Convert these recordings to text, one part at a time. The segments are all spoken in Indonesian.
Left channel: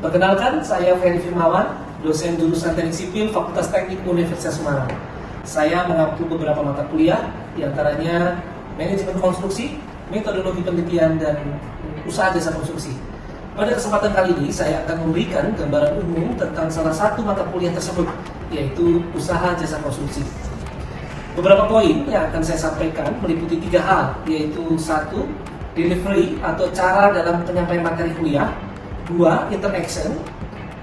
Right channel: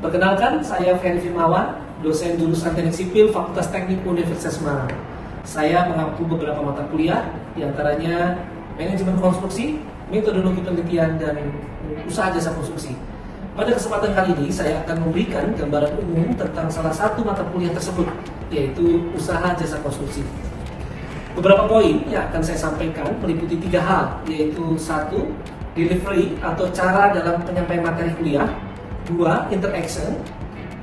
Perkenalkan, saya Ferry Firmawan, dosen jurusan Teknik Sipil Fakultas Teknik Universitas Semarang. Saya mengampu beberapa mata kuliah, diantaranya Manajemen Konstruksi, Metodologi Penelitian, dan Usaha Jasa Konstruksi. Pada kesempatan kali ini, saya akan memberikan gambaran umum tentang salah satu mata kuliah tersebut, yaitu Usaha Jasa Konstruksi. Beberapa poin yang akan saya sampaikan meliputi 3 hal, yaitu 1. Delivery atau cara dalam penyampaian materi kuliah. 2. Interaction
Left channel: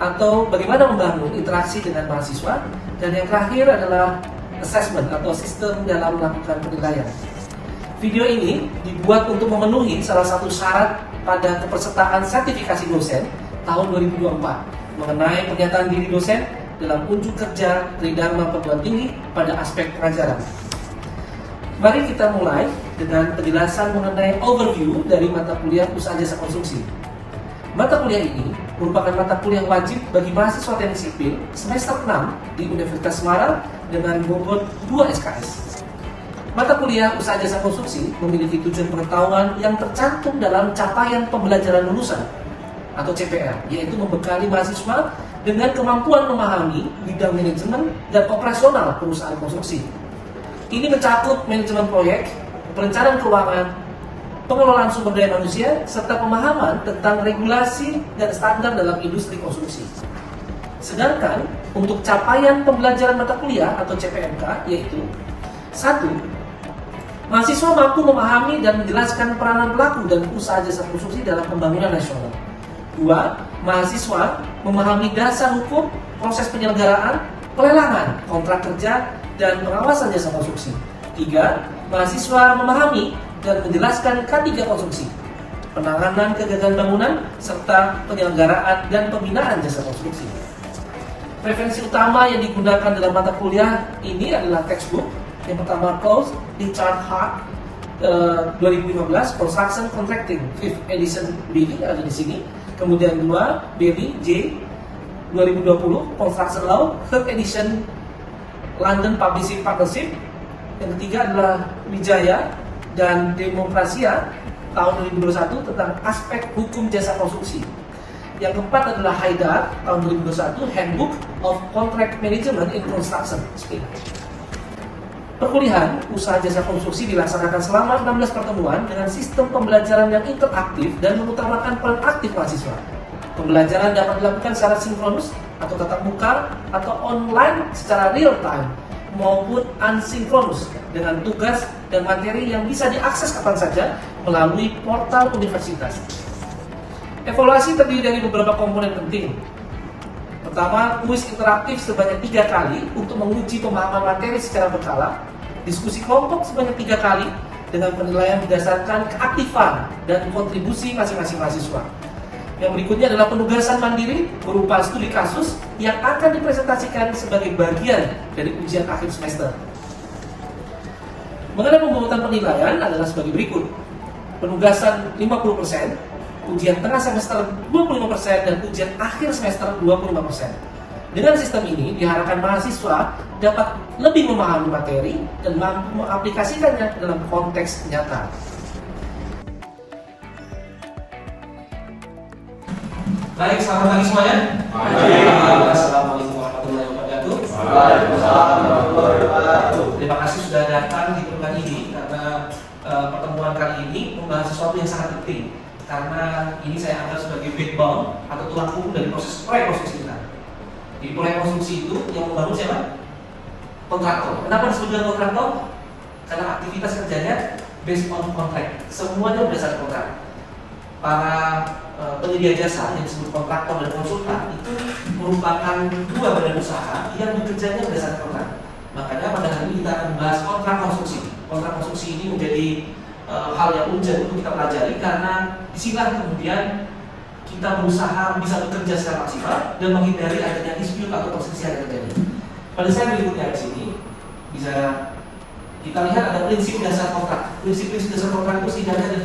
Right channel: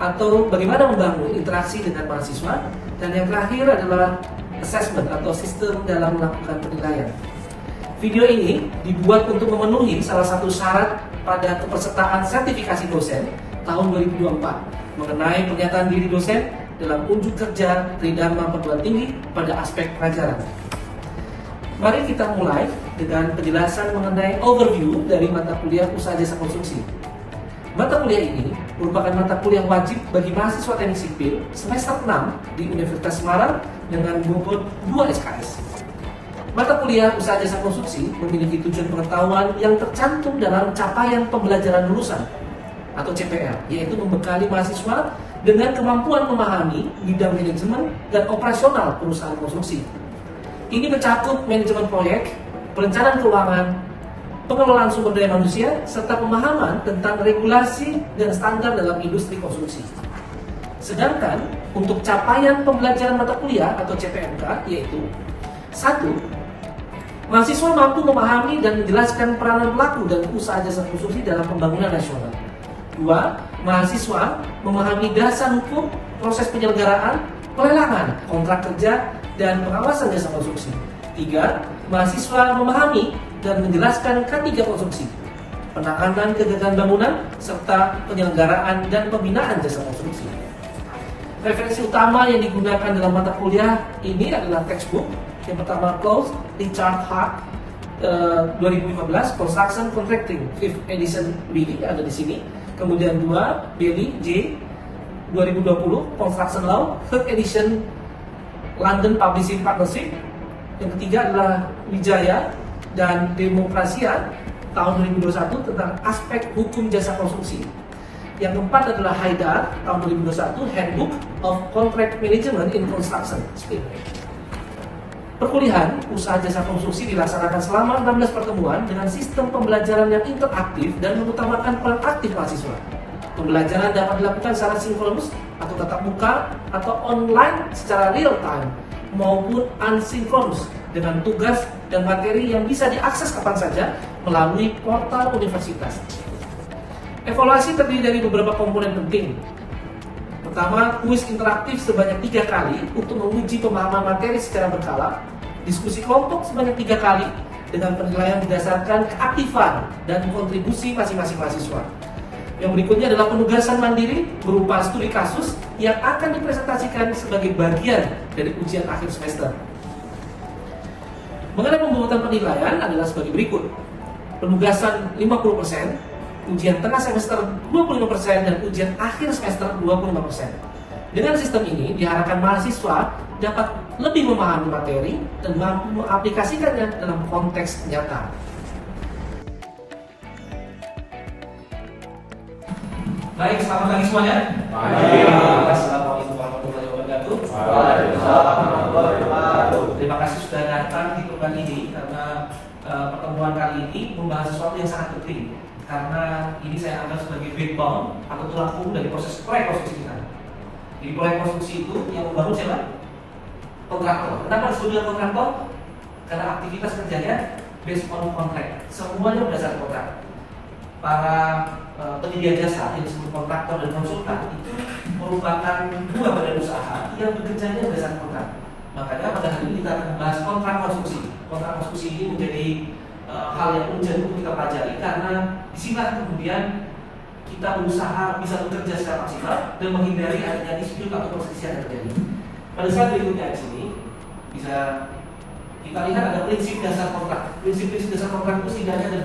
atau bagaimana membangun interaksi dengan mahasiswa. Dan yang terakhir adalah assessment atau sistem dalam melakukan penilaian. Video ini dibuat untuk memenuhi salah satu syarat pada kepesertaan sertifikasi dosen tahun 2024 mengenai pernyataan diri dosen dalam unjuk kerja Tridharma Perguruan Tinggi pada aspek pengajaran. Mari kita mulai dengan penjelasan mengenai overview dari mata kuliah Usaha Jasa Konstruksi. Mata kuliah ini merupakan mata kuliah wajib bagi mahasiswa teknik sipil semester 6 di Universitas Semarang dengan bobot 2 SKS. Mata kuliah Usaha Jasa Konstruksi memiliki tujuan pengetahuan yang tercantum dalam capaian pembelajaran lulusan atau CPL, yaitu membekali mahasiswa dengan kemampuan memahami bidang manajemen dan operasional perusahaan konstruksi. Ini mencakup manajemen proyek, perencanaan keuangan, pengelolaan sumber daya manusia, serta pemahaman tentang regulasi dan standar dalam industri konstruksi. Sedangkan untuk capaian pembelajaran mata kuliah atau CPMK yaitu 1. Mahasiswa mampu memahami dan menjelaskan peranan pelaku dan usaha jasa konstruksi dalam pembangunan nasional. 2. Mahasiswa memahami dasar hukum, proses penyelenggaraan, pelelangan, kontrak kerja, dan pengawasan jasa konstruksi. 3. Mahasiswa memahami dan menjelaskan K3 konstruksi, penanganan kegagalan bangunan, serta penyelenggaraan dan pembinaan jasa konstruksi. Referensi utama yang digunakan dalam mata kuliah ini adalah textbook. Yang pertama, Claus Richard Hart 2015 Construction Contracting 5th Edition Billy ada di sini. Kemudian 2, Billy J 2020 Construction Law 3rd Edition London Publishing Partnership. Yang ketiga adalah Wijaya dan Demokrasia tahun 2021 tentang aspek hukum jasa konstruksi. Yang keempat adalah Haidar tahun 2021 Handbook of Contract Management in Construction. Perkuliahan Usaha Jasa Konstruksi dilaksanakan selama 16 pertemuan dengan sistem pembelajaran yang interaktif dan mengutamakan peran aktif mahasiswa. Pembelajaran dapat dilakukan secara sinkronus atau tatap muka atau online secara real time maupun asinkronus dengan tugas dan materi yang bisa diakses kapan saja melalui portal universitas. Evaluasi terdiri dari beberapa komponen penting. Pertama, kuis interaktif sebanyak 3 kali untuk menguji pemahaman materi secara berkala. Diskusi kelompok sebanyak 3 kali dengan penilaian berdasarkan keaktifan dan kontribusi masing-masing mahasiswa. Yang berikutnya adalah penugasan mandiri berupa studi kasus yang akan dipresentasikan sebagai bagian dari ujian akhir semester. Mengenai pembuatan penilaian adalah sebagai berikut. Penugasan 50%, ujian tengah semester 25%, dan ujian akhir semester 25%. Dengan sistem ini diharapkan mahasiswa dapat lebih memahami materi dan mampu mengaplikasikannya dalam konteks nyata. Baik, selamat pagi semuanya. Assalamualaikum warahmatullahi wabarakatuh. Terima kasih sudah datang di pertemuan ini karena pertemuan kali ini membahas sesuatu yang sangat penting. Karena ini saya anggap sebagai backbone atau tulang punggung dari proses proyek konstruksi kita. Di proyek konstruksi itu yang membangun siapa? Kontraktor. Kenapa disebut dengan kontraktor? Karena aktivitas kerjanya based on contract. Semuanya berdasarkan kontrak. Para penyedia jasa yang disebut kontraktor dan konsultan itu merupakan 2 badan usaha yang bekerjanya berdasarkan kontrak. Makanya pada hari ini kita akan membahas kontrak konstruksi. Kontrak konstruksi ini menjadi hal yang urgent untuk kita pelajari karena disinilah kemudian kita berusaha bisa bekerja secara maksimal dan menghindari adanya dispute atau perselisihan yang terjadi. Pada slide berikutnya di sini bisa kita lihat ada prinsip dasar kontrak. Prinsip-prinsip dasar kontrak itu setidaknya ada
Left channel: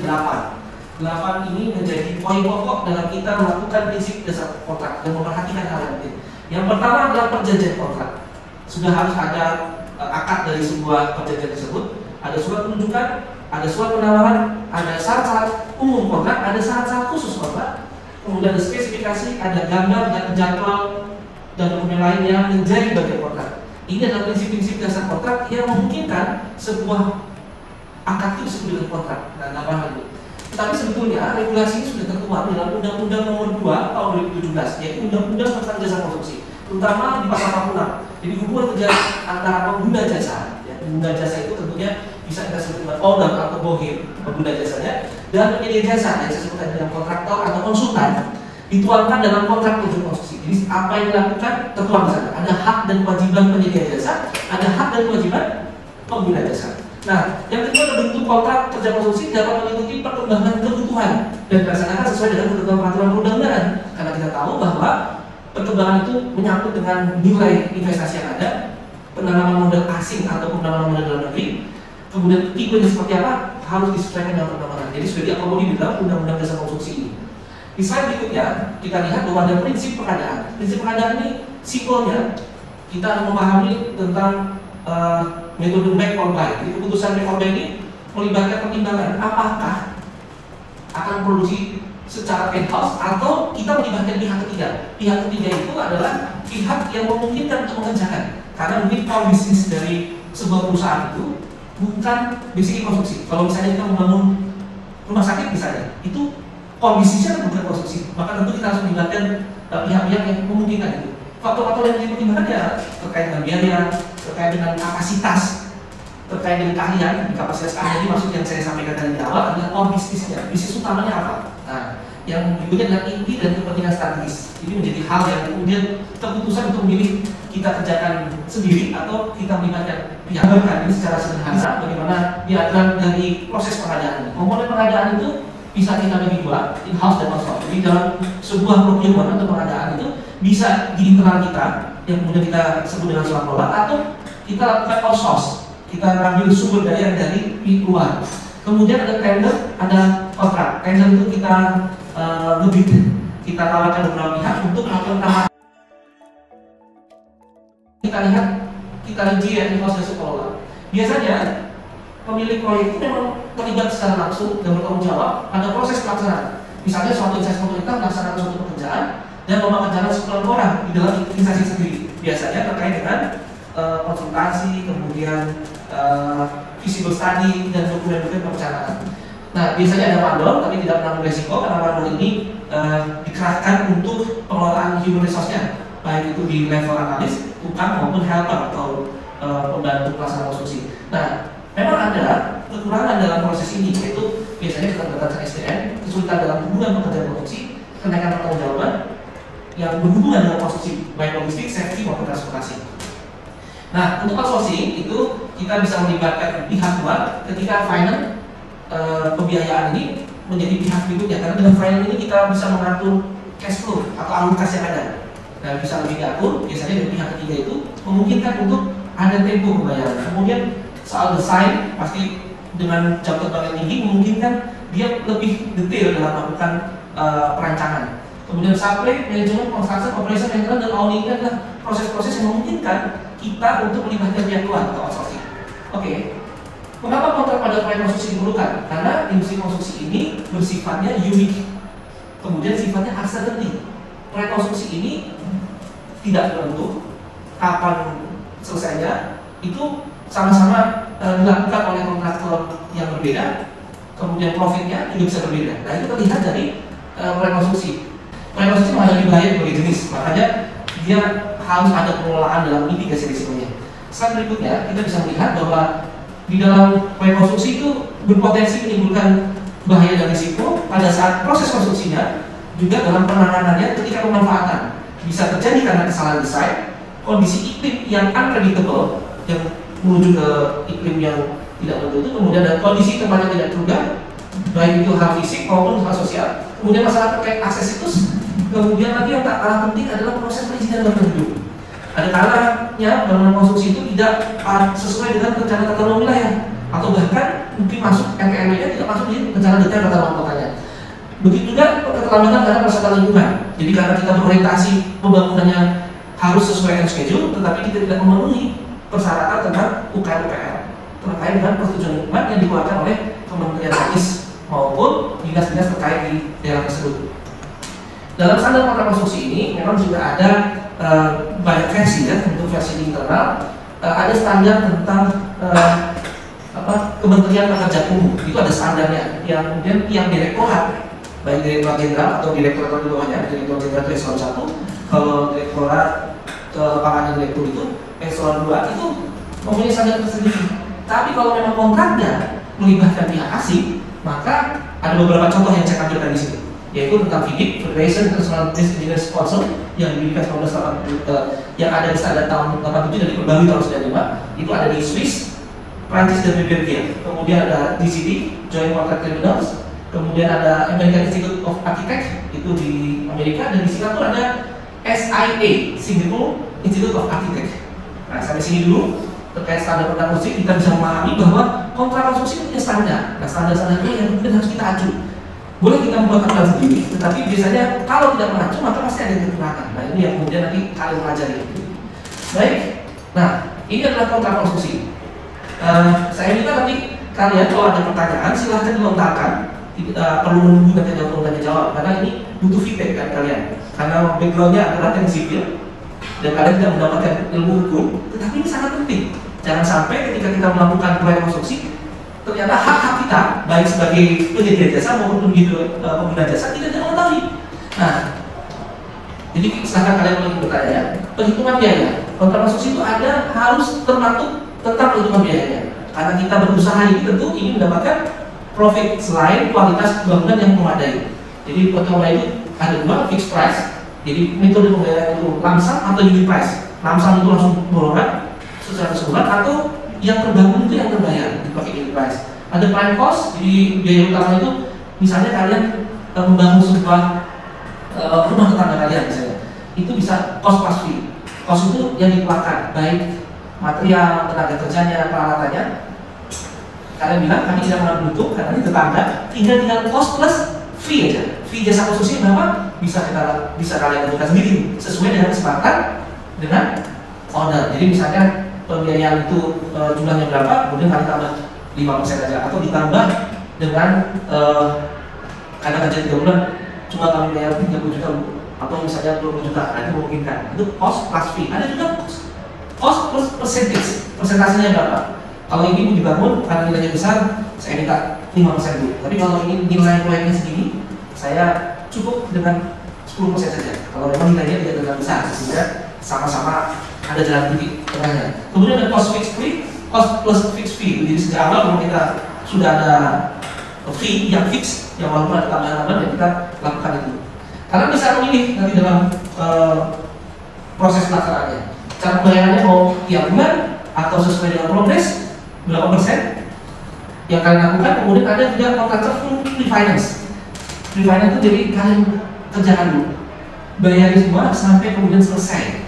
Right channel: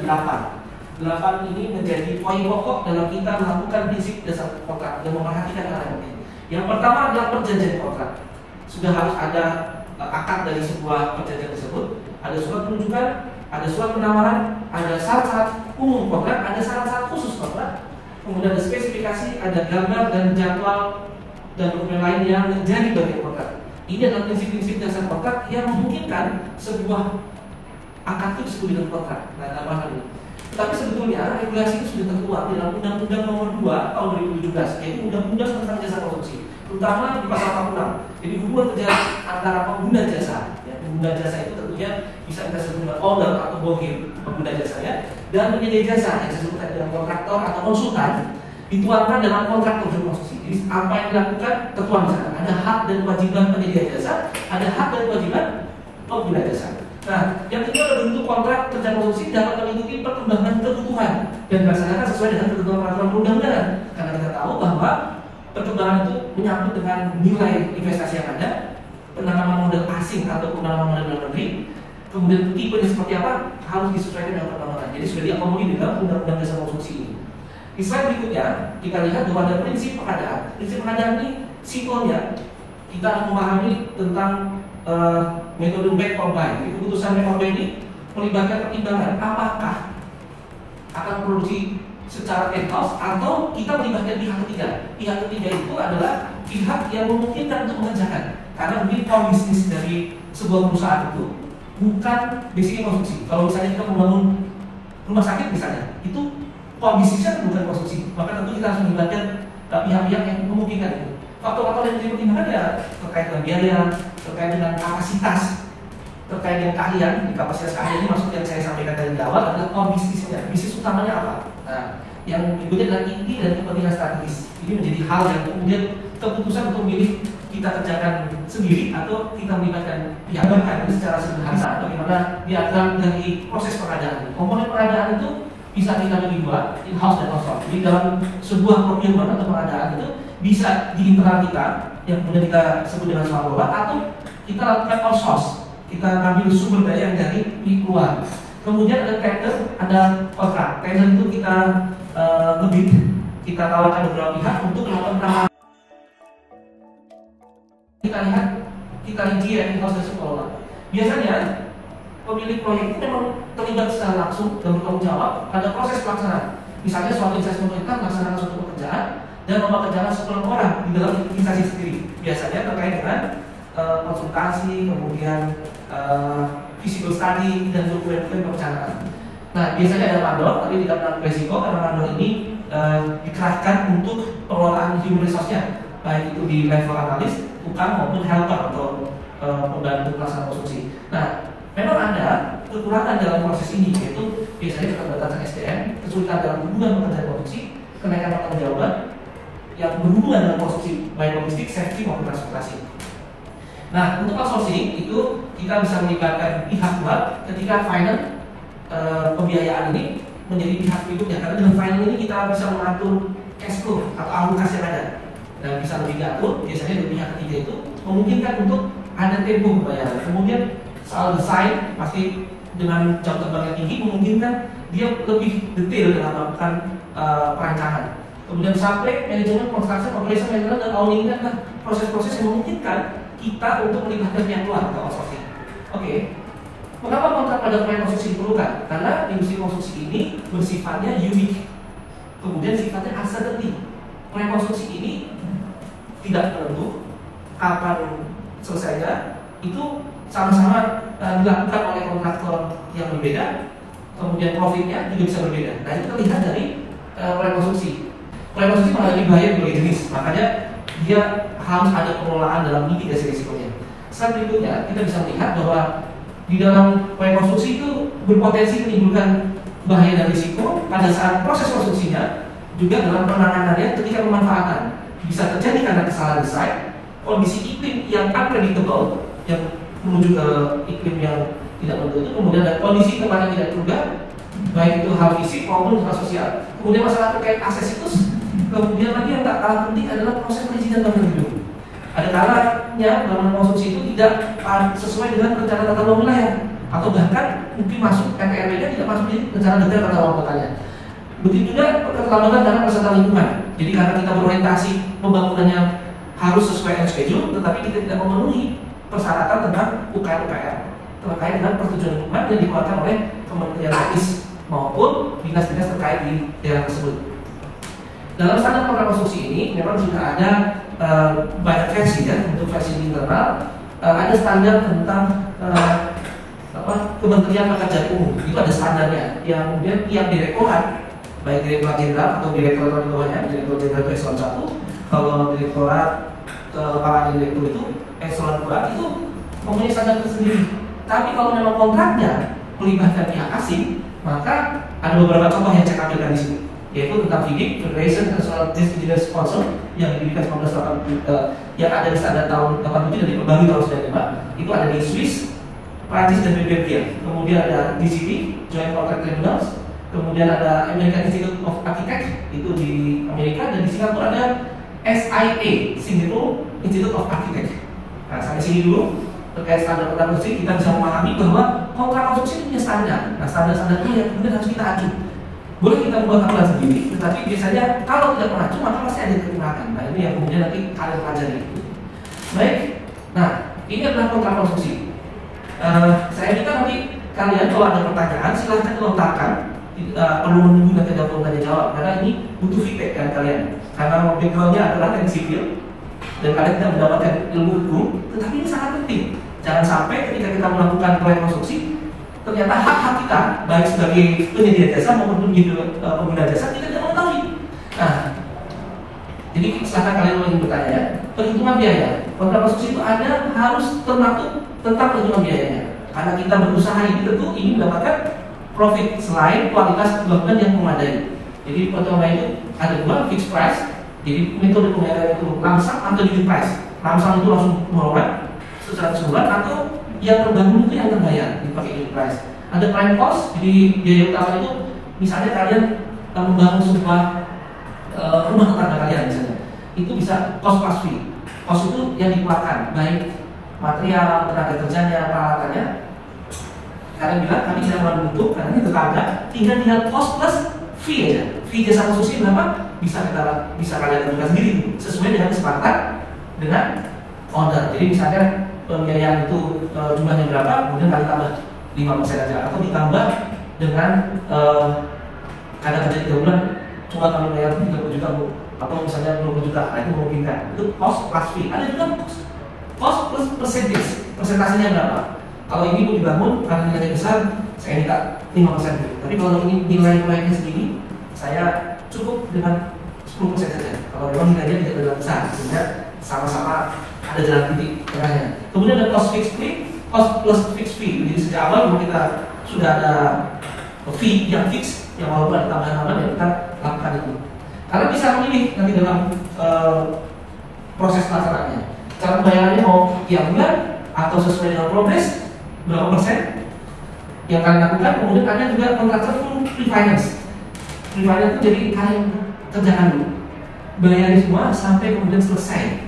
8. 8 ini menjadi poin pokok dalam kita melakukan prinsip dasar kontrak dan memperhatikan hal yang penting. Yang pertama adalah perjanjian kontrak. Sudah harus ada akad dari sebuah perjanjian tersebut, ada surat penunjukan, ada surat penawaran, ada syarat-syarat umum kontrak, ada syarat-syarat khusus kontrak, kemudian ada spesifikasi, ada gambar dan jadwal dan kemudian lain yang menjadi bagian kontrak. Ini adalah prinsip-prinsip dasar kontrak yang memungkinkan sebuah akad itu disebut dengan kontrak. Nah, gambaran ini. Tapi sebetulnya regulasi ini sudah tertuang dalam Undang-Undang Nomor 2 Tahun 2017, yaitu Undang-Undang tentang Jasa Konstruksi, terutama di pasal 46. Jadi hubungan kerja antara pengguna jasa, ya, pengguna jasa itu tentunya bisa kita sebut dengan owner atau bohir pengguna jasanya, dan penyedia jasa yang disebutkan dengan kontraktor atau konsultan dituangkan dalam kontrak kerja konstruksi. Jadi apa yang dilakukan tertuang di sana. Ada hak dan kewajiban penyedia jasa, ada hak dan kewajiban pengguna jasa. Nah, yang kedua adalah bentuk kontrak kerja konstruksi dapat mengikuti perkembangan kebutuhan dan dilaksanakan sesuai dengan ketentuan peraturan perundang-undangan. Karena kita tahu bahwa perkembangan itu menyangkut dengan nilai investasi yang ada, penanaman modal asing atau penanaman modal dalam negeri, kemudian tipenya seperti apa harus disesuaikan dengan perkembangan. Jadi sudah diakomodir di dalam Undang-Undang Jasa Konstruksi ini. Di slide berikutnya kita lihat bahwa ada prinsip pengadaan. Prinsip pengadaan ini simpelnya kita harus memahami tentang metode make or buy. Jadi keputusan make or buy ini melibatkan pertimbangan apakah akan produksi secara in-house atau kita melibatkan pihak ketiga. Pihak ketiga itu adalah pihak yang memungkinkan untuk mengerjakan. Karena mungkin core bisnis dari sebuah perusahaan itu bukan basicnya konstruksi. Kalau misalnya kita membangun rumah sakit misalnya, itu core bisnisnya bukan konstruksi. Maka tentu kita harus melibatkan pihak-pihak yang memungkinkan itu. Faktor-faktor yang menjadi pertimbangan ya terkait dengan biaya, terkait dengan kapasitas, terkait dengan keahlian. Kapasitas keahlian ini maksud yang saya sampaikan tadi di awal adalah core bisnisnya. Bisnis utamanya apa? Nah, yang berikutnya adalah inti dan kepentingan strategis. Ini menjadi hal yang kemudian keputusan untuk memilih kita kerjakan sendiri atau kita melibatkan pihak berkait ini secara sederhana. Bagaimana diagram dari proses pengadaan. Komponen pengadaan itu bisa kita bagi dua, in-house dan outsource. Jadi dalam sebuah procurement atau pengadaan itu bisa di internal kita yang kemudian kita sebut dengan surat kelola atau kita lakukan outsource. Kita ambil sumber daya dari luar. Kemudian ada tender, ada kontrak. Tender itu kita ngebid, kita tawarkan beberapa pihak untuk melakukan tawaran. Kita lihat, kita review yang proses kelola. Biasanya pemilik proyek itu memang terlibat secara langsung dan bertanggung jawab pada proses pelaksanaan. Misalnya suatu instansi pemerintah melaksanakan suatu pekerjaan dan mempekerjakan sekelompok orang di dalam instansi sendiri. Biasanya terkait dengan konsultasi, kemudian visible study dan dokumen-dokumen perencanaan. Nah, biasanya ada mandor, tapi tidak menanggung resiko karena mandor ini dikerahkan untuk pengelolaan human resource-nya, baik itu di level analis, tukang maupun helper atau pembantu pelaksana konstruksi. Nah, memang ada kekurangan dalam proses ini, yaitu biasanya keterbatasan SDM, kesulitan dalam hubungan pekerjaan konstruksi, kenaikan pertanggungjawaban yang berhubungan dengan konstruksi, baik logistik, safety maupun transportasi. Nah, untuk outsourcing itu kita bisa melibatkan pihak luar ketika final pembiayaan ini menjadi pihak berikutnya. Karena dengan final ini kita bisa mengatur cash flow atau alokasi yang ada dan bisa lebih diatur. Biasanya dari pihak ketiga itu memungkinkan untuk ada tempo pembayaran. Kemudian soal desain pasti dengan jam terbang yang tinggi memungkinkan dia lebih detail dalam melakukan perancangan. Kemudian supply, manajemen, construction, operation, maintenance, dan owning adalah proses-proses yang memungkinkan kita untuk melibatkan pihak luar atau outsourcing. Oke. Mengapa kontrak pada proyek konstruksi diperlukan? Karena industri konstruksi ini bersifatnya unik, kemudian sifatnya uncertainty. Proyek konstruksi ini tidak menentu kapan selesainya, itu sama-sama dilakukan oleh kontraktor yang berbeda, kemudian profitnya juga bisa berbeda. Nah, itu terlihat dari proyek konstruksi. Proyek konstruksi ada dibayar berbagai jenis, makanya dia harus ada pengelolaan dalam mitigasi risikonya. Slide berikutnya kita bisa melihat bahwa di dalam proyek konstruksi itu berpotensi menimbulkan bahaya dan risiko pada saat proses konstruksinya, juga dalam penanganannya ketika pemanfaatan. Bisa terjadi karena kesalahan desain, kondisi iklim yang unpredictable yang menuju ke iklim yang tidak menentu, kemudian ada kondisi tempat yang tidak terduga, baik itu hal fisik maupun hal sosial. Kemudian masalah terkait akses itu, kemudian lagi yang tak kalah penting adalah proses perizinan bangunan hidup. Ada kalanya bangunan konstruksi itu tidak sesuai dengan rencana tata ruang wilayah, atau bahkan mungkin masuk MPRW-nya tidak masuk di rencana detail tata ruang kotanya. Begitu juga keterlambatan dalam perencanaan lingkungan. Jadi karena kita berorientasi pembangunannya harus sesuai dengan schedule, tetapi kita tidak memenuhi persyaratan tentang UKR-UKR terkait dengan persetujuan lingkungan yang dikeluarkan oleh Kementerian Teknis maupun dinas-dinas terkait di daerah tersebut. Dalam standar kontrak konstruksi ini memang sudah ada banyak versi ya. Untuk versi di internal ada standar tentang Kementerian Pekerjaan Umum, itu ada standarnya yang kemudian tiap direktorat, baik direktorat jenderal atau direktorat di bawahnya, direktur jenderal itu eselon 1, kalau direktorat kepala direktur itu eselon 2 itu mempunyai standar tersendiri. Tapi kalau memang kontraknya melibatkan pihak asing, maka ada beberapa contoh yang saya tampilkan di sini, yaitu tentang FIDIC, Federation International Engineers Council, yang didirikan tahun 1980, yang ada di standar tahun 87 dan diperbarui tahun 95. Itu ada di Swiss, Prancis dan Belgia. Kemudian ada DCT, Joint Contract Tribunals. Kemudian ada American Institute of Architects, itu di Amerika. Dan di Singapura ada SIA, Singapore Institute of Architects. Nah, sampai sini dulu terkait standar kontrak konstruksi, kita bisa memahami bahwa kontrak konstruksi punya standar. Nah, standar-standarnya yang kemudian harus kita acu. Boleh kita membuat aturan sendiri, tetapi biasanya kalau tidak mengacu maka pasti ada kekurangan. Nah, ini yang kemudian nanti kalian pelajari. Baik. Nah, ini adalah kontrak konstruksi. Saya minta nanti kalian kalau ada pertanyaan silahkan dilontarkan, perlu menunggu nanti ada tanya jawab karena ini butuh feedback kan kalian, karena backgroundnya adalah yang sipil dan kalian tidak mendapatkan ilmu hukum, tetapi ini sangat penting. Jangan sampai ketika kita melakukan proyek konstruksi ternyata hak-hak kita baik sebagai penyedia jasa maupun pengguna jasa tidak mengetahui. Nah, jadi silahkan kalian mau bertanya ya. Perhitungan biaya kontrak konstruksi itu ada harus termaktub tentang perhitungan biayanya, karena kita berusaha ini tentu ingin mendapatkan profit selain kualitas bangunan yang memadai. Jadi perhitungan itu ada dua, fixed price. Jadi metode pembayaran itu lamsam atau unit price. Lamsam itu langsung borongan secara sebulan, atau yang terbangun itu yang terbayar dipakai unit price. Ada prime cost, jadi biaya utama itu misalnya kalian membangun sebuah rumah tetangga kalian misalnya, itu bisa cost plus fee. Cost itu yang dikeluarkan baik material, tenaga kerjanya, peralatannya. Kalian bilang kami tidak mau menutup karena ini tetangga, tinggal cost plus fee aja. Fee jasa konstruksi berapa? Bisa kalian tentukan sendiri sesuai dengan kesepakatan dengan owner. Jadi misalnya pembiayaan itu jumlahnya berapa, kemudian kalian tambah 5% aja, atau ditambah dengan karena kerja 3 bulan cuma kami bayar 30 juta atau misalnya 20 juta, nah itu memungkinkan. Itu cost plus fee. Ada juga cost plus percentage, persentasenya berapa? Kalau ini mau dibangun karena nilainya besar, saya minta 5% dulu. Tapi kalau ini nilai proyeknya segini, saya cukup dengan 10% saja. Kalau memang nilainya tidak terlalu besar, sehingga sama-sama ada jalan titik tengahnya. Kemudian ada cost fixed fee, cost plus fixed fee. Jadi sejak awal kalau kita sudah ada fee yang fix, yang walaupun ada tambahan-tambahan yang kita lakukan itu. Kalian bisa memilih nanti dalam proses pelaksanaannya. Cara pembayarannya mau tiap bulan atau sesuai dengan progres, berapa persen yang kalian lakukan. Kemudian ada juga kontraktor full refinance. Refinance itu jadi kalian kerjakan dulu, bayari semua sampai kemudian selesai.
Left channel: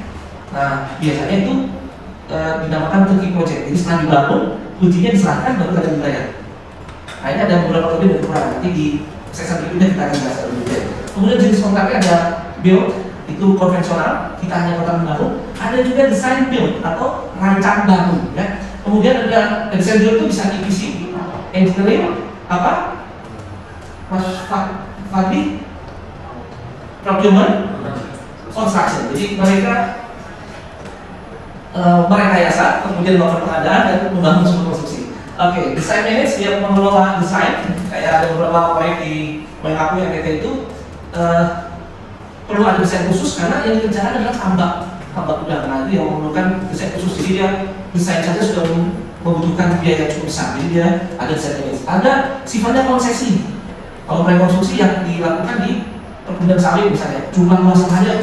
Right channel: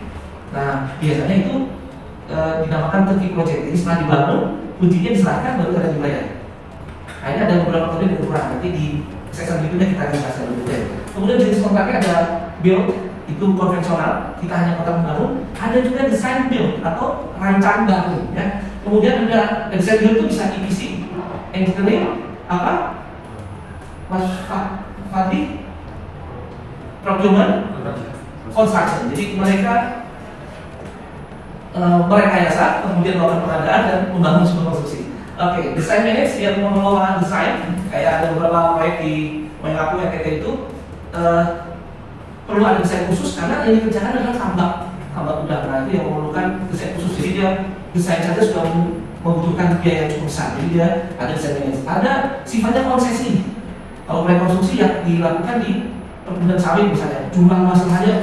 Nah, biasanya itu dinamakan turnkey project. Jadi setelah dibangun, ujinya diserahkan baru kalian dibayar. Nah, ini ada beberapa metode yang kurang. Nanti di sesi berikutnya kita akan bahas lebih detail. Kemudian jenis kontraknya ada build, itu konvensional, kita hanya kontrak membangun. Ada juga design build atau rancang bangun. Ya. Kemudian ada design build itu bisa EPC, engineering, apa? Fabrik, procurement, construction. Jadi mereka merekayasa, kemudian melakukan pengadaan dan membangun sebuah konstruksi. Oke, design manage yang mengelola desain, kayak ada beberapa proyek di Mengaku yang kita itu perlu ada desain khusus karena yang dikerjakan adalah tambak udang. Nah, itu yang memerlukan desain khusus. Jadi dia desain saja sudah membutuhkan biaya yang cukup besar. Jadi dia ada desain manage. Ada sifatnya konsesi. Kalau proyek konstruksi yang dilakukan di perkebunan sawit misalnya, jumlah luas lahannya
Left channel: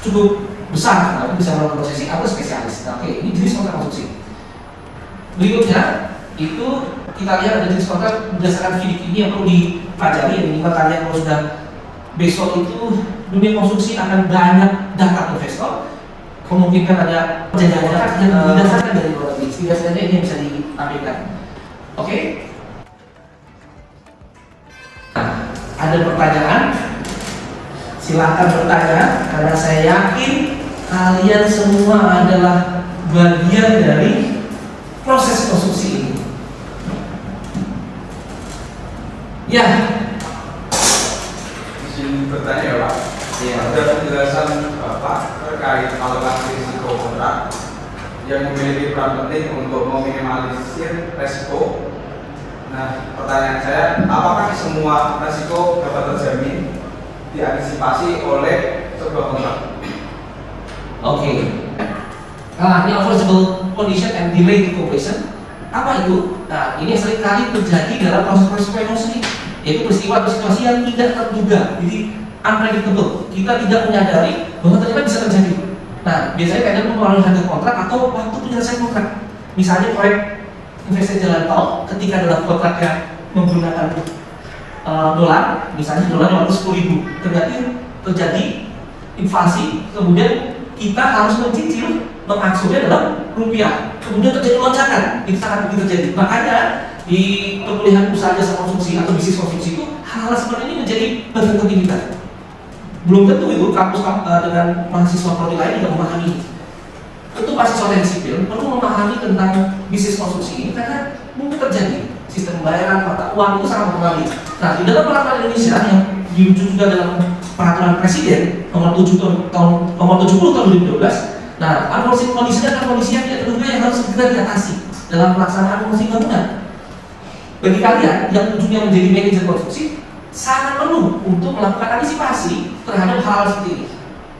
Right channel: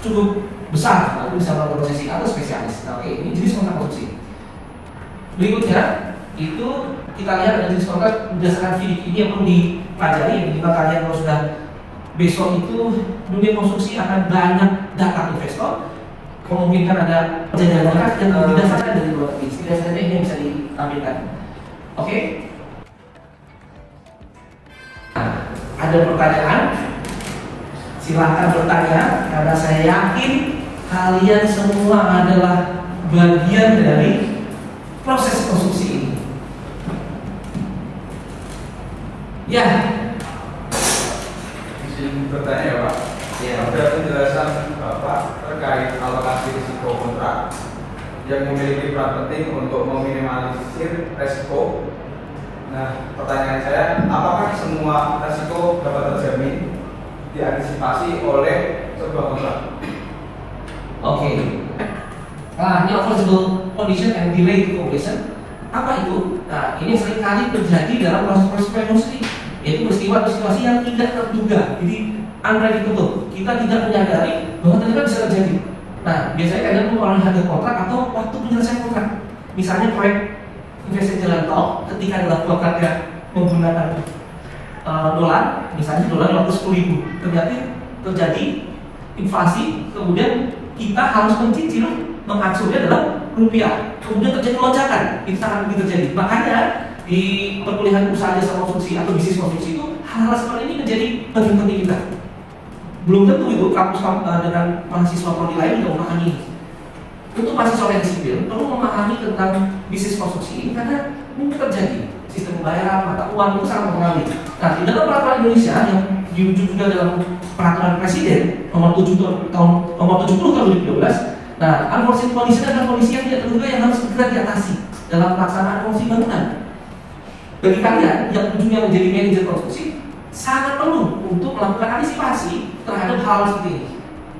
cukup besar, nah, itu bisa melakukan konsesi atau spesialis. Nah, oke, ini jenis kontrak konstruksi. Berikutnya itu kita lihat ada jenis kontrak berdasarkan FIDIC ini yang perlu dipelajari. Ini kalian kalau sudah besok itu dunia konstruksi akan banyak data investor, kemungkinan ada perjanjian kontrak yang didasarkan dari luar negeri. Setidaknya ini bisa ditampilkan. Oke. Ada pertanyaan? Silahkan bertanya, karena saya yakin kalian semua adalah bagian dari proses konstruksi ini. Ya. Izin bertanya ya Pak. Ada penjelasan Bapak terkait alokasi risiko kontrak yang memiliki peran penting untuk meminimalisir resiko. Nah, pertanyaan saya, apakah semua resiko dapat terjamin diantisipasi oleh sebuah kontrak? Oke. Ini unforeseeable condition and delay to completion. Apa itu? Nah, ini seringkali terjadi dalam proses promosi, yaitu peristiwa-peristiwa yang tidak terduga. Jadi unpredictable. Kita tidak menyadari bahwa ternyata bisa terjadi. Nah, biasanya kadang melalui harga kontrak atau waktu penyelesaian kontrak. Misalnya proyek investasi jalan tol, ketika dalam kontraknya menggunakan dolar, misalnya dolar 10.000, ternyata terjadi inflasi, kemudian kita harus mencicil mengaksesnya dalam rupiah, kemudian terjadi lonjakan, itu sangat mungkin terjadi. Makanya di perkuliahan usaha jasa konstruksi atau bisnis konstruksi itu hal seperti ini menjadi bagian penting kita. Belum tentu itu kampus dengan mahasiswa prodi lain juga memahami. Tentu mahasiswa teknik sipil perlu memahami tentang bisnis konstruksi ini karena mungkin terjadi sistem pembayaran, mata uang itu sangat mempengaruhi. Nah, di dalam peraturan Indonesia yang diwujud juga dalam peraturan Presiden nomor 70 tahun 2012. Nah, unforeseen kondisi adalah kondisi yang tidak terduga yang harus segera diatasi dalam pelaksanaan promosi bangunan. Bagi kalian yang ujungnya menjadi manajer konstruksi, sangat perlu untuk melakukan antisipasi terhadap hal seperti ini.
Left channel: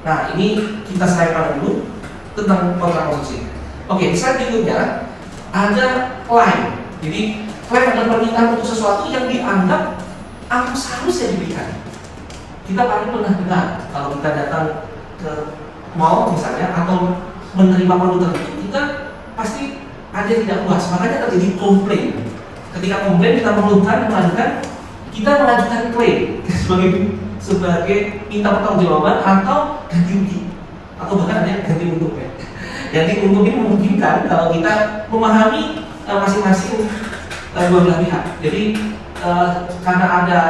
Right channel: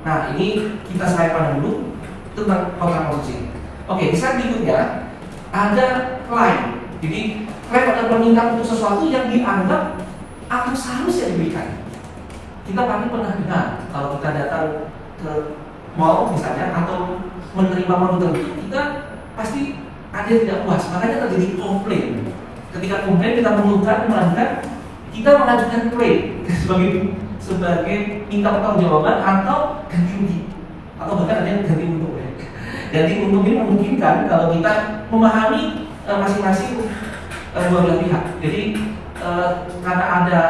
Nah, ini kita sampaikan dulu tentang kontrak konstruksi. Oke, di slide berikutnya ada klaim. Jadi klaim adalah permintaan untuk sesuatu yang dianggap harus yang diberikan. Kita pasti pernah dengar kalau kita datang ke mall misalnya atau menerima produk tertentu, kita pasti ada yang tidak puas, makanya terjadi komplain. Ketika komplain kita mengeluhkan, kita mengajukan klaim sebagai minta pertanggungjawaban atau ganti rugi, atau bahkan ada yang ganti untung. Ganti untung ini memungkinkan kalau kita memahami masing-masing dua belah pihak. Jadi karena ada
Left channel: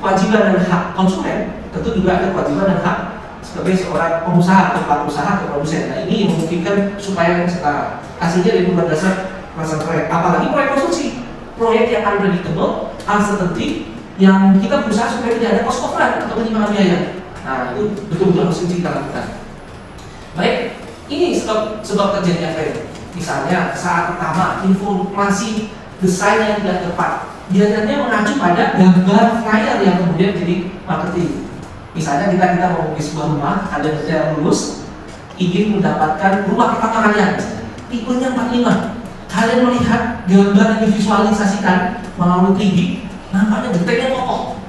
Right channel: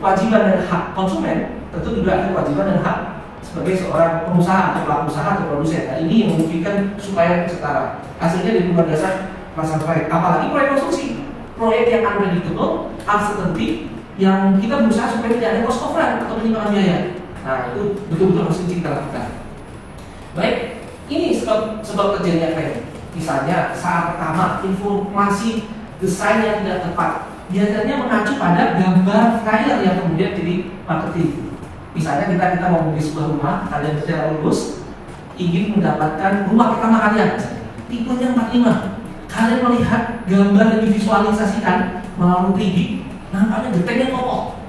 kewajiban dan hak konsumen, tentu juga ada kewajiban dan hak sebagai seorang pengusaha atau pelaku usaha atau produsen. Nah, ini yang memungkinkan supaya setara. Hasilnya dari pembuat dasar pasar proyek, apalagi proyek konstruksi, proyek yang unpredictable, uncertainty, yang kita berusaha supaya tidak ada cost of run atau penimbangan biaya. Nah, itu betul-betul harus kita lakukan. Baik, ini sebab terjadinya klaim. Misalnya saat pertama informasi desain yang tidak tepat, biasanya mengacu pada gambar flyer yang kemudian jadi marketing. Misalnya kita mau membeli sebuah rumah, ada yang lulus ingin mendapatkan rumah pertama kalian, tipenya 45. Kalian melihat gambar yang divisualisasikan melalui 3D, nampaknya gentengnya kokoh.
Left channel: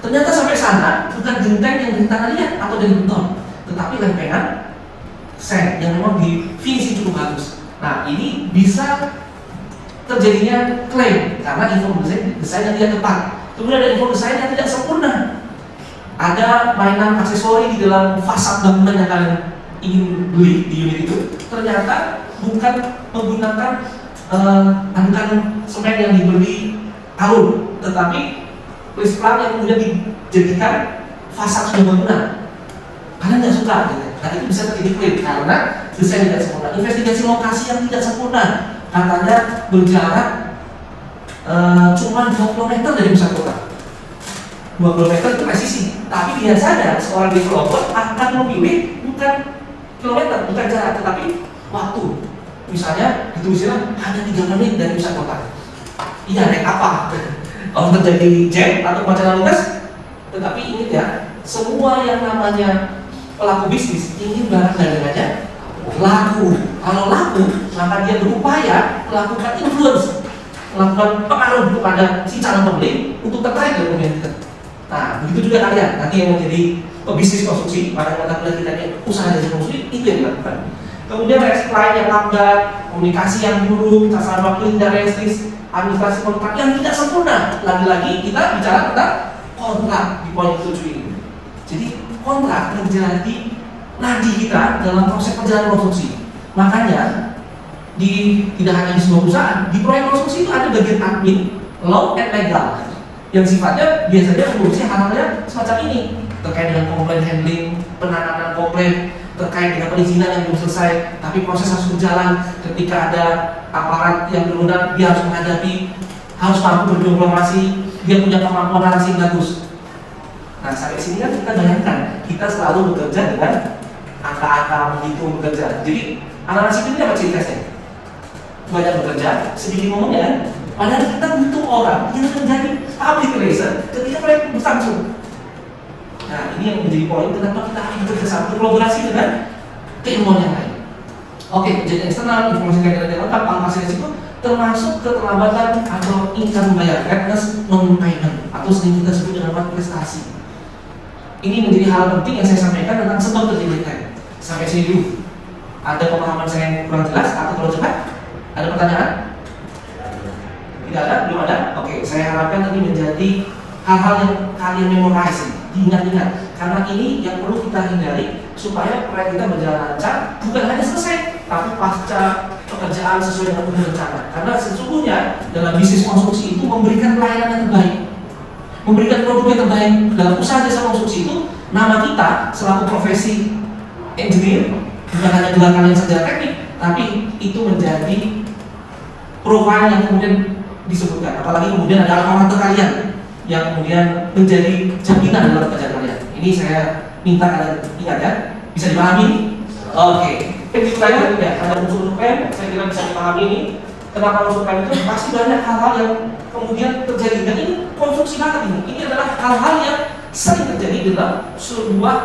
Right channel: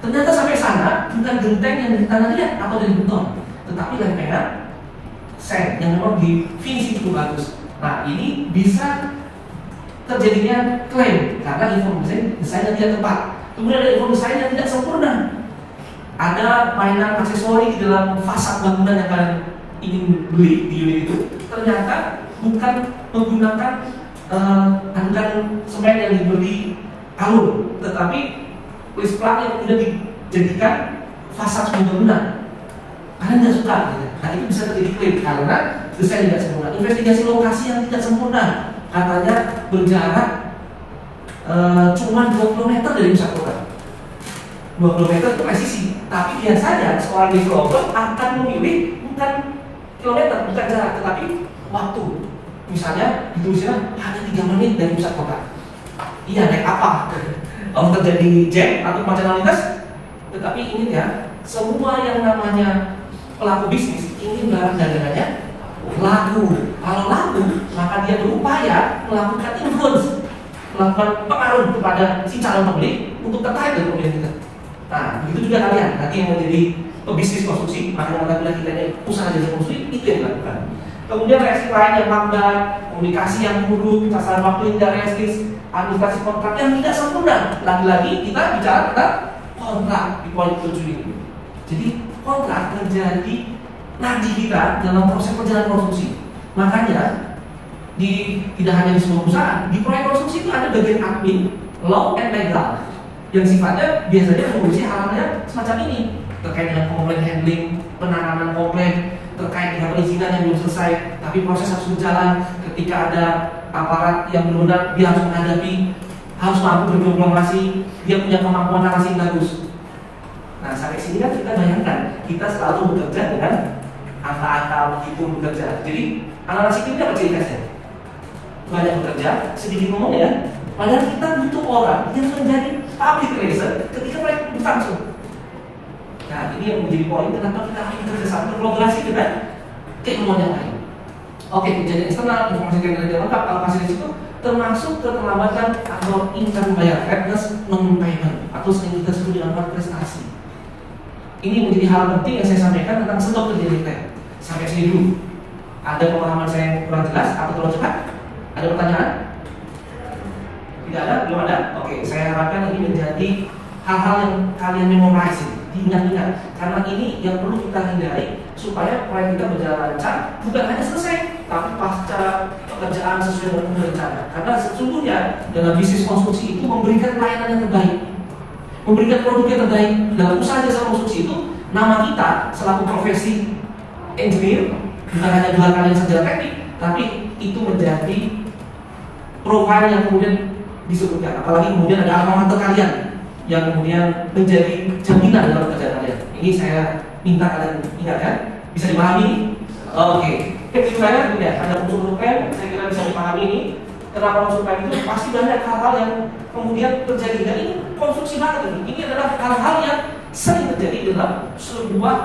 Ternyata sampai sana bukan genteng yang dari tanah liat atau dari beton, tetapi lempengan seng yang memang di finishing cukup bagus. Nah, ini bisa terjadinya klaim karena informasi desain yang tidak tepat. Kemudian ada informasi desain yang tidak sempurna. Ada mainan aksesori di dalam fasad bangunan yang kalian ingin beli di unit itu, ternyata bukan menggunakan andalan semen yang diberi alur, tetapi plisplan yang kemudian dijadikan fasad sebuah bangunan. Kalian tidak suka, gitu. Nah, itu bisa terjadi klaim karena desain tidak sempurna. Investigasi lokasi yang tidak sempurna, katanya berjarak cuma 2 km dari pusat kota. 2 km itu presisi, tapi biasanya seorang developer akan memilih bukan kilometer, bukan jarak, tetapi waktu. Misalnya ditulisnya hanya 3 menit dari pusat kota. Iya, naik apa? Kalau terjadi jam atau kemacetan lalu lintas, tetapi ini ya, semua yang namanya pelaku bisnis ingin barang dagangannya laku. Kalau laku, maka dia berupaya melakukan influence, melakukan pengaruh kepada si calon pembeli untuk tertarik dengan pembelian kita. Nah, begitu juga kalian nanti yang menjadi pebisnis konstruksi, maka mata kuliah kita yang usaha jasa konstruksi itu yang dilakukan. Kemudian reaksi klien yang lambat, komunikasi yang buruk, sasaran waktu yang tidak realistis, administrasi kontrak yang tidak sempurna. Lagi-lagi kita bicara tentang kontrak di poin 7 ini. Jadi kontrak menjadi nadi kita dalam proses perjalanan konstruksi. Makanya tidak hanya di sebuah perusahaan, di proyek konstruksi itu ada bagian admin, law, and legal yang sifatnya biasanya mengurusi hal-hal semacam ini, terkait dengan komplain handling, penanganan komplain, terkait dengan perizinan yang belum selesai, tapi proses harus berjalan. Ketika ada aparat yang berwenang, dia harus menghadapi, harus mampu berdiplomasi, dia punya kemampuan narasi yang bagus. Nah, sampai sini kan kita bayangkan, kita selalu bekerja dengan angka-angka menghitung bekerja. Jadi anak-anak sipil ini apa ciri khasnya? Banyak bekerja, sedikit ngomong ya. Padahal kita butuh orang yang menjadi public relation ketika proyek berlangsung. Nah, ini yang menjadi poin kenapa kita harus bekerjasama, berkolaborasi dengan keilmuan yang lain. Oke, kejadian eksternal, informasi yang lengkap, angka itu termasuk keterlambatan atau income bayar, readiness non-payment, atau sering kita sebut dengan prestasi. Ini menjadi hal penting yang saya sampaikan tentang sebab terjadi. Sampai sini dulu. Ada pemahaman saya yang kurang jelas atau terlalu cepat? Ada pertanyaan? Tidak ada? Belum ada? Oke, saya harapkan ini menjadi hal-hal yang kalian memorize, diingat-ingat. Karena ini yang perlu kita hindari supaya proyek kita berjalan lancar, bukan hanya selesai, tapi pasca pekerjaan sesuai dengan rencana. Karena sesungguhnya dalam bisnis konstruksi itu memberikan pelayanan yang terbaik, memberikan produk yang terbaik. Dalam usaha jasa konstruksi itu, nama kita selaku profesi engineer bukan hanya gelar kalian secara teknik, tapi itu menjadi profil yang kemudian disebutkan. Apalagi kemudian ada alamat kalian yang kemudian menjadi jaminan dalam pekerjaan kalian. Ini saya minta kalian ingat ya. Bisa dipahami? Oke. Saya ya, ada unsur UM, saya kira bisa dipahami ini. Kenapa unsur UM itu pasti banyak hal-hal yang kemudian terjadi. Dan ini konstruksi banget ini. Ini adalah hal-hal yang sering terjadi dalam sebuah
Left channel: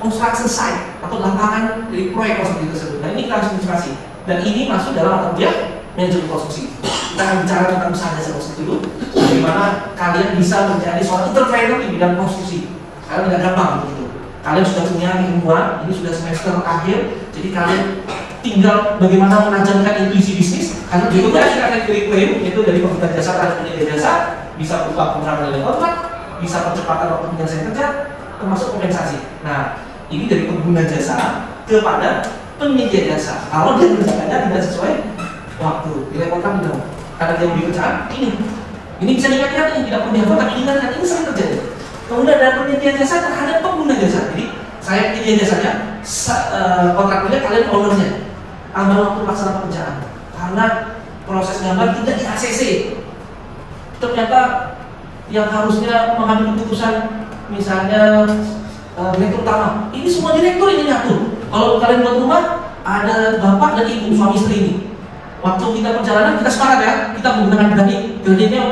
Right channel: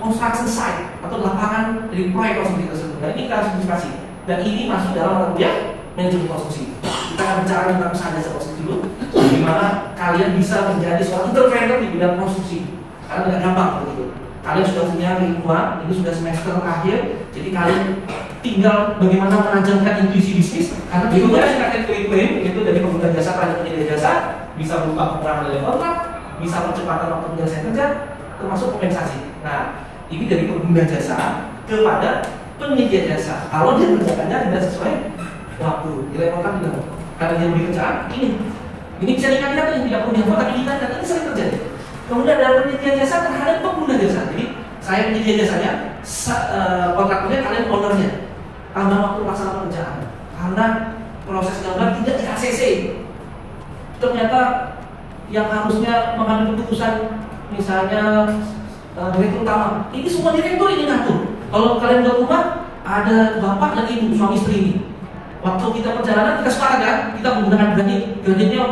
construction site atau lapangan dari proyek konstruksi tersebut. Dan ini kita harus antisipasi. Dan ini masuk dalam mata kuliah manajemen konstruksi. Kita akan bicara tentang usaha jasa konstruksi dulu, bagaimana kalian bisa menjadi seorang entrepreneur di bidang konstruksi. Karena tidak gampang begitu. Kalian sudah punya keilmuan, ini sudah semester akhir, jadi kalian tinggal bagaimana menajamkan intuisi bisnis. Karena berikutnya akan klaim yaitu dari pengguna jasa terhadap penyedia jasa, bisa berupa pengurangan nilai kontrak, bisa percepatan waktu penyelesaian kerja, termasuk kompensasi. Nah, ini dari pengguna jasa kepada penyedia jasa. Kalau dia mengerjakannya tidak sesuai waktu, nilai kontrak bilang karena dia mau dikerjaan ini bisa diingat-ingat, ini tidak perlu dihafal, tapi ingat ini sering terjadi. Kemudian ada penyedia jasa terhadap pengguna jasa. Jadi saya penyedia jasanya, kontraktornya kalian ownernya, tambah waktu pelaksanaan pekerjaan. Karena proses gambar tidak di ACC. Ternyata yang harusnya mengambil keputusan, misalnya direktur utama, ini semua direktur ini ngatur. Kalau kalian buat rumah, ada bapak dan ibu suami istri ini. Waktu kita perjalanan kita sepakat ya, kita menggunakan gradingnya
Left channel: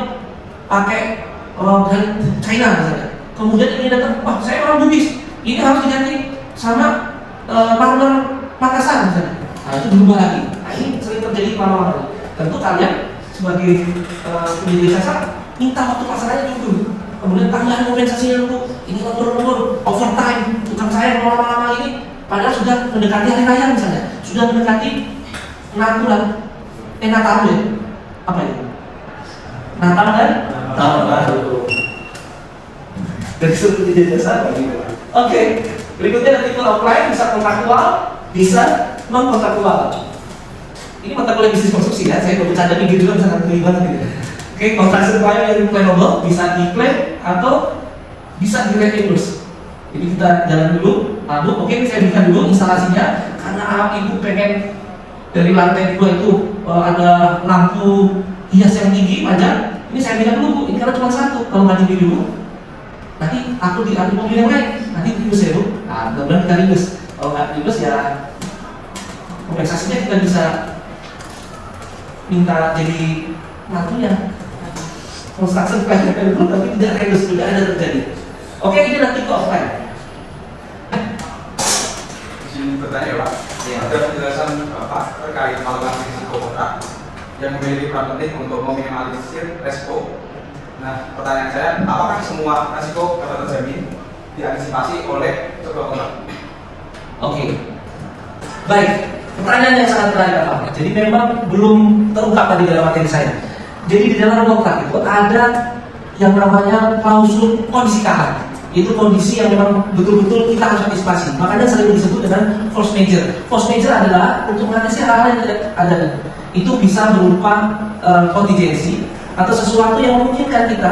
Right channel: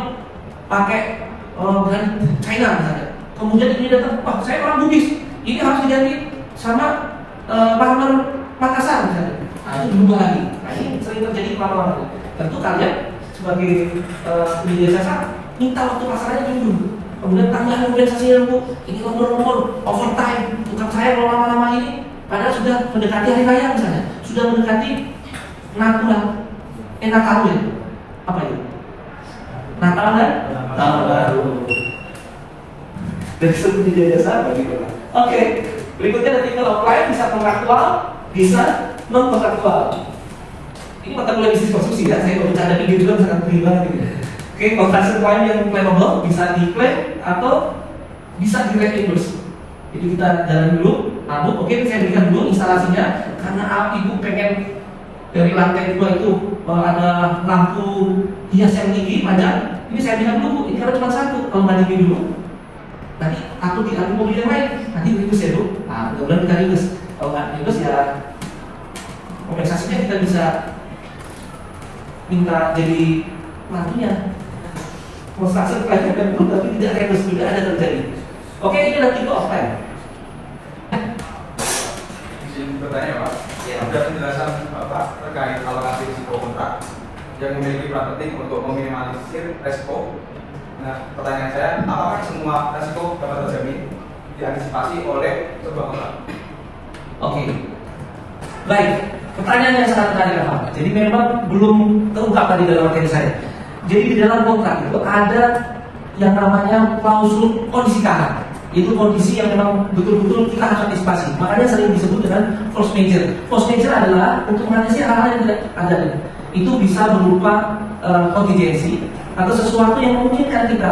pakai brand China misalnya. Kemudian ini datang, wah saya orang Bugis, ini harus diganti sama partner Makassar misalnya. Nah itu berubah lagi. Nah ini sering terjadi lama-lama. Tentu kalian sebagai penyedia jasa minta waktu pasarannya dulu. Kemudian tambahan kompensasi untuk ini nomor overtime. Tukang saya kalau lama-lama ini, padahal sudah mendekati hari raya misalnya, sudah mendekati Natal ya? Apa itu? Natal dan Tahun Baru. Dari sudut penyedia jasa bagaimana? Oke, berikutnya nanti kalau klien bisa kontraktual, bisa non kontraktual. Ini mata kuliah bisnis konstruksi ya, saya mau bercanda tapi gitu kan sangat gede banget gitu. Oke, construction klien yang claimable bisa diklaim atau bisa di-reimburse. Jadi kita jalan dulu, lalu oke saya berikan dulu instalasinya karena ibu pengen dari lantai 2 itu ada lampu hias yang tinggi panjang. Ini saya berikan dulu Bu, ini karena cuma satu. Kalau nggak dibeli dulu, nanti aku diambil mobil yang lain, nanti ribus ya Bu. Nah, mudah-mudahan kita ribus. Kalau nggak ribus ya kompensasinya kita bisa minta jadi mantunya. Construction klien yang dulu tapi tidak ribus, tidak ada terjadi. Oke, ini nanti ke offline. Izin bertanya Pak, ada penjelasan Bapak terkait alokasi risiko kontrak yang memiliki peran penting untuk meminimalisir resiko. Nah, pertanyaan saya, apakah semua risiko dapat terjamin diantisipasi oleh sebuah kontrak? Oke, baik. Pertanyaan yang sangat menarik Pak. Jadi memang belum terungkap tadi dalam materi saya. Jadi di dalam kontrak itu ada yang namanya klausul kondisi kalah. Itu kondisi yang memang betul-betul kita harus antisipasi. Makanya sering disebut dengan force majeure. Force majeure adalah untuk mengatasi hal-hal yang tidak ada. Itu bisa berupa kontingensi atau sesuatu yang memungkinkan kita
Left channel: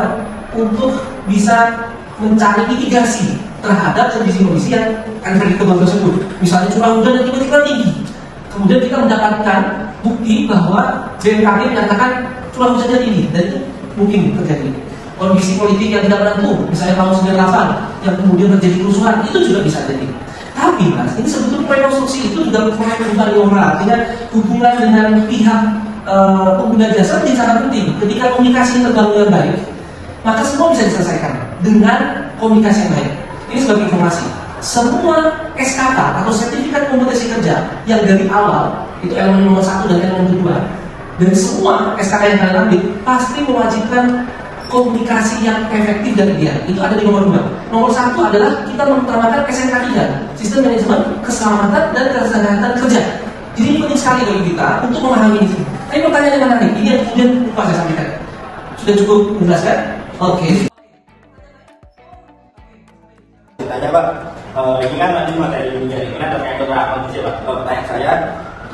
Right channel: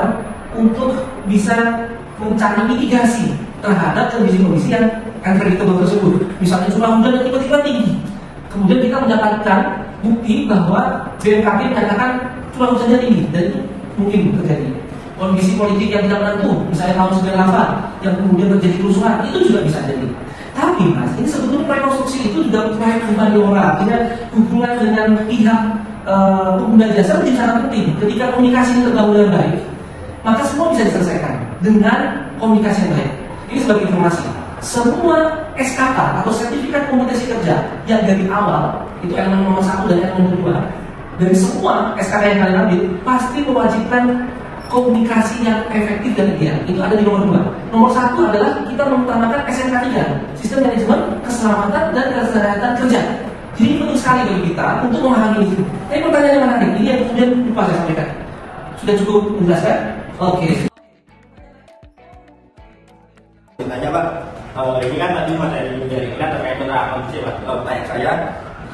untuk bisa mencari mitigasi terhadap kondisi-kondisi yang unpredictable tersebut. Misalnya curah hujan yang tiba-tiba tinggi. Kemudian kita mendapatkan bukti bahwa BMKG menyatakan curah hujannya tinggi dan itu mungkin terjadi. kondisi politik yang tidak menentu, misalnya tahun 98 yang kemudian terjadi kerusuhan, itu juga bisa jadi. Tapi Mas, ini sebetulnya rekonstruksi itu juga proyek humaniora, artinya hubungan dengan pihak pengguna jasa menjadi sangat penting. Ketika komunikasi terbangun dengan baik, maka semua bisa diselesaikan dengan komunikasi yang baik. Ini sebagai informasi. Semua SKK atau sertifikat kompetensi kerja yang dari awal itu elemen nomor 1 dan elemen 2 dari semua SKK yang kalian ambil pasti mewajibkan komunikasi yang efektif dan ideal. Itu ada di nomor 2. Nomor 1 adalah kita mengutamakan SMK 3, Sistem Manajemen Keselamatan dan Kesehatan Kerja. Jadi ini penting sekali bagi kita untuk memahami ini. Tapi pertanyaan yang menarik, ini yang kemudian lupa saya sampaikan. Sudah cukup menjelaskan? Oke. Tanya Pak, ini kan tadi materi jaringan terkait kontrak kondisi Pak. Pertanyaan saya,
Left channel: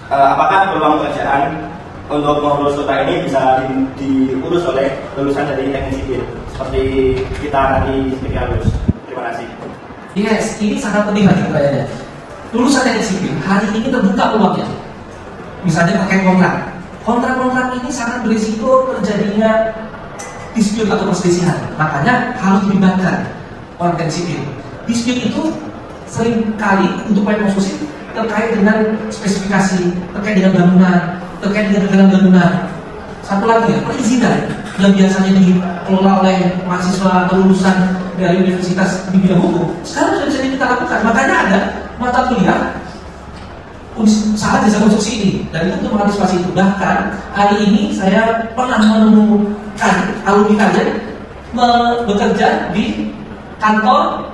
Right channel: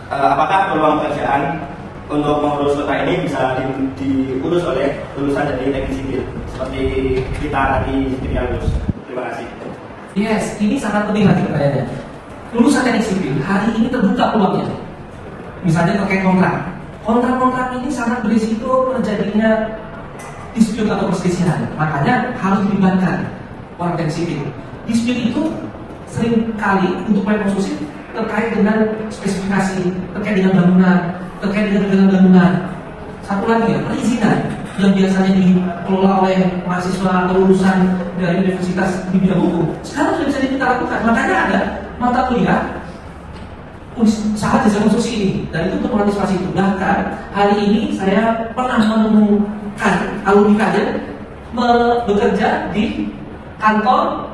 apakah peluang pekerjaan untuk mengurus kota ini bisa diurus oleh lulusan dari teknik sipil seperti kita nanti ketika lulus? Terima kasih. Yes, ini sangat penting lagi pertanyaannya. Lulusan teknik sipil hari ini terbuka peluangnya. Misalnya terkait kontrak. Kontrak-kontrak ini sangat berisiko terjadinya dispute atau perselisihan. Makanya harus dilibatkan orang teknik sipil. Dispute itu sering kali untuk proyek konstruksi terkait dengan spesifikasi, terkait dengan bangunan, terkait dengan kegiatan bangunan. Satu lagi ya, perizinan yang biasanya dikelola oleh mahasiswa atau lulusan dari universitas di bidang hukum, sekarang sudah bisa kita lakukan. Makanya ada mata kuliah usaha jasa konstruksi ini, dan itu untuk mengantisipasi itu. Bahkan hari ini saya pernah menemukan alumni kalian bekerja di kantor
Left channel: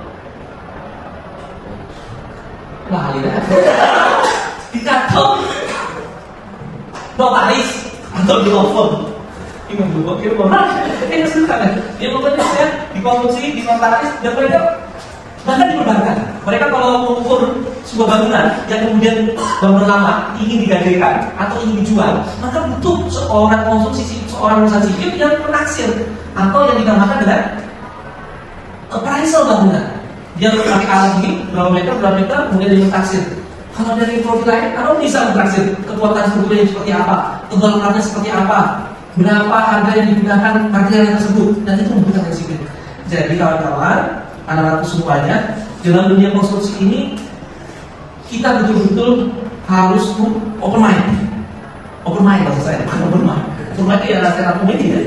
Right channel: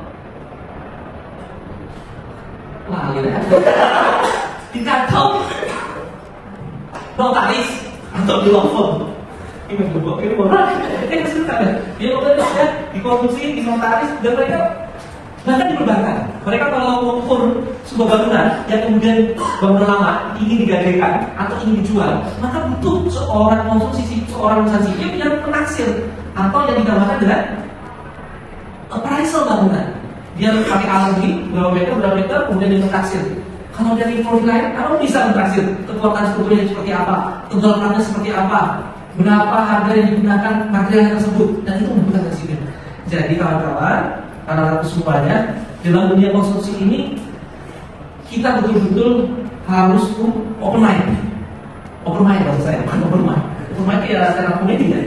di kantor notaris atau di law firm. Ini membuat orang ini kesulitan. Dia bekerja di konstruksi, di notaris, dan mereka bahkan di perbankan. Mereka kalau mengukur sebuah bangunan yang kemudian bangunan lama ingin digadaikan atau ingin dijual, maka butuh seorang konstruksi, seorang lulusan sipil yang menaksir atau yang dinamakan dengan appraisal bangunan. Dia pakai alat ini, berapa meter, kemudian dia mentaksir. Kalau dari profil lain, kamu bisa mentaksir kekuatan strukturnya seperti apa, tebal platnya seperti apa, berapa harga yang digunakan material tersebut, dan itu membutuhkan dari sini. Jadi kawan-kawan, anak-anak semuanya, dalam dunia konstruksi ini kita betul-betul harus open mind. Open mind bahasa saya, bukan open mind. Open mind itu ya stand up comedy ya.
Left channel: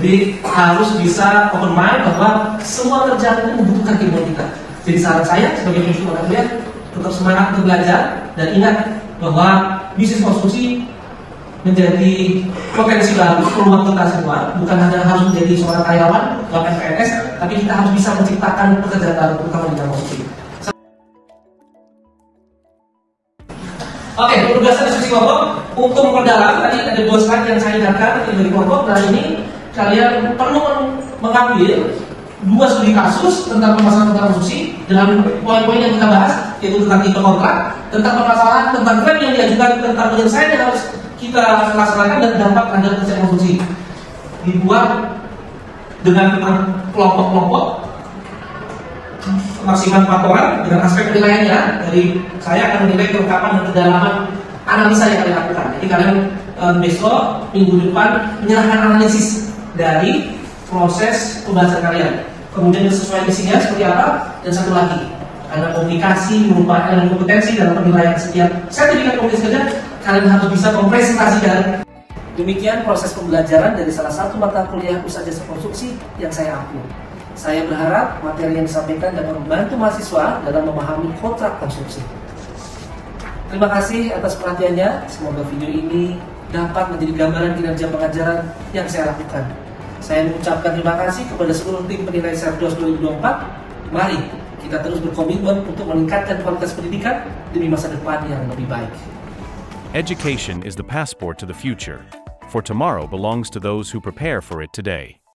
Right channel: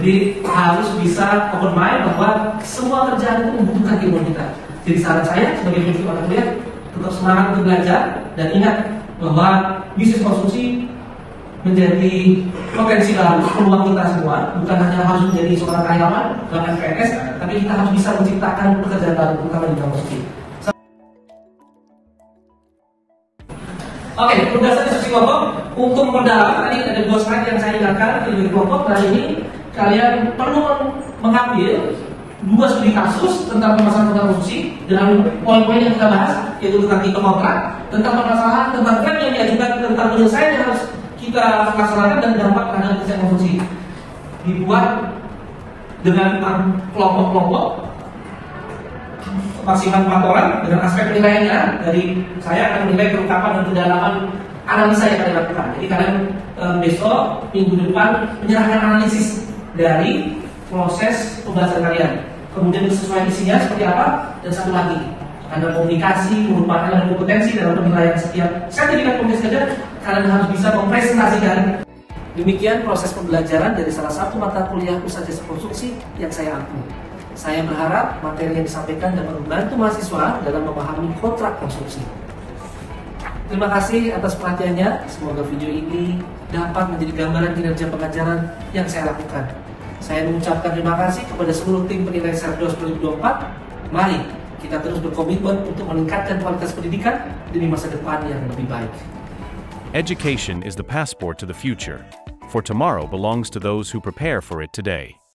Jadi harus bisa open mind bahwa semua kerjaan itu membutuhkan ilmu kita. Jadi saran saya sebagai pengisi mata kuliah, tetap semangat untuk belajar dan ingat bahwa bisnis konstruksi menjadi potensi baru peluang kita semua. Bukan hanya harus menjadi seorang karyawan, bahkan PNS, tapi kita harus bisa menciptakan pekerjaan baru, terutama di bidang konstruksi. Oke, penugasan diskusi kelompok untuk memperdalam. Tadi ada 2 slide yang saya ingatkan dari kelompok. Nah ini kalian perlu mengambil 2 studi kasus tentang permasalahan tentang konstruksi dalam poin-poin yang kita bahas, yaitu tentang tipe kontrak, tentang permasalahan tentang klaim yang diajukan, tentang penyelesaian yang harus kita laksanakan, dan dampak terhadap pekerjaan konstruksi. Dibuat dengan kelompok-kelompok maksimal 4 orang dengan aspek penilaiannya. Dari saya akan menilai kelengkapan dan kedalaman analisa yang kalian lakukan. Jadi kalian besok minggu depan menyerahkan analisis dari proses pembahasan kalian. Kemudian disesuaikan isinya seperti apa, dan satu lagi, karena komunikasi merupakan elemen kompetensi dalam penilaian setiap sertifikat kompetensi kerja, kalian harus bisa mempresentasikan. Demikian proses pembelajaran dari salah satu mata kuliah usaha jasa konstruksi yang saya ampu. Saya berharap materi yang disampaikan dapat membantu mahasiswa dalam memahami kontrak konstruksi. Terima kasih atas perhatiannya. Semoga video ini dapat menjadi gambaran kinerja pengajaran yang saya lakukan. Saya mengucapkan terima kasih kepada seluruh tim penilai Serdos 2024. Mari kita terus berkomitmen untuk meningkatkan kualitas pendidikan demi masa depan yang lebih baik. Education is the passport to the future, for tomorrow belongs to those who prepare for it today.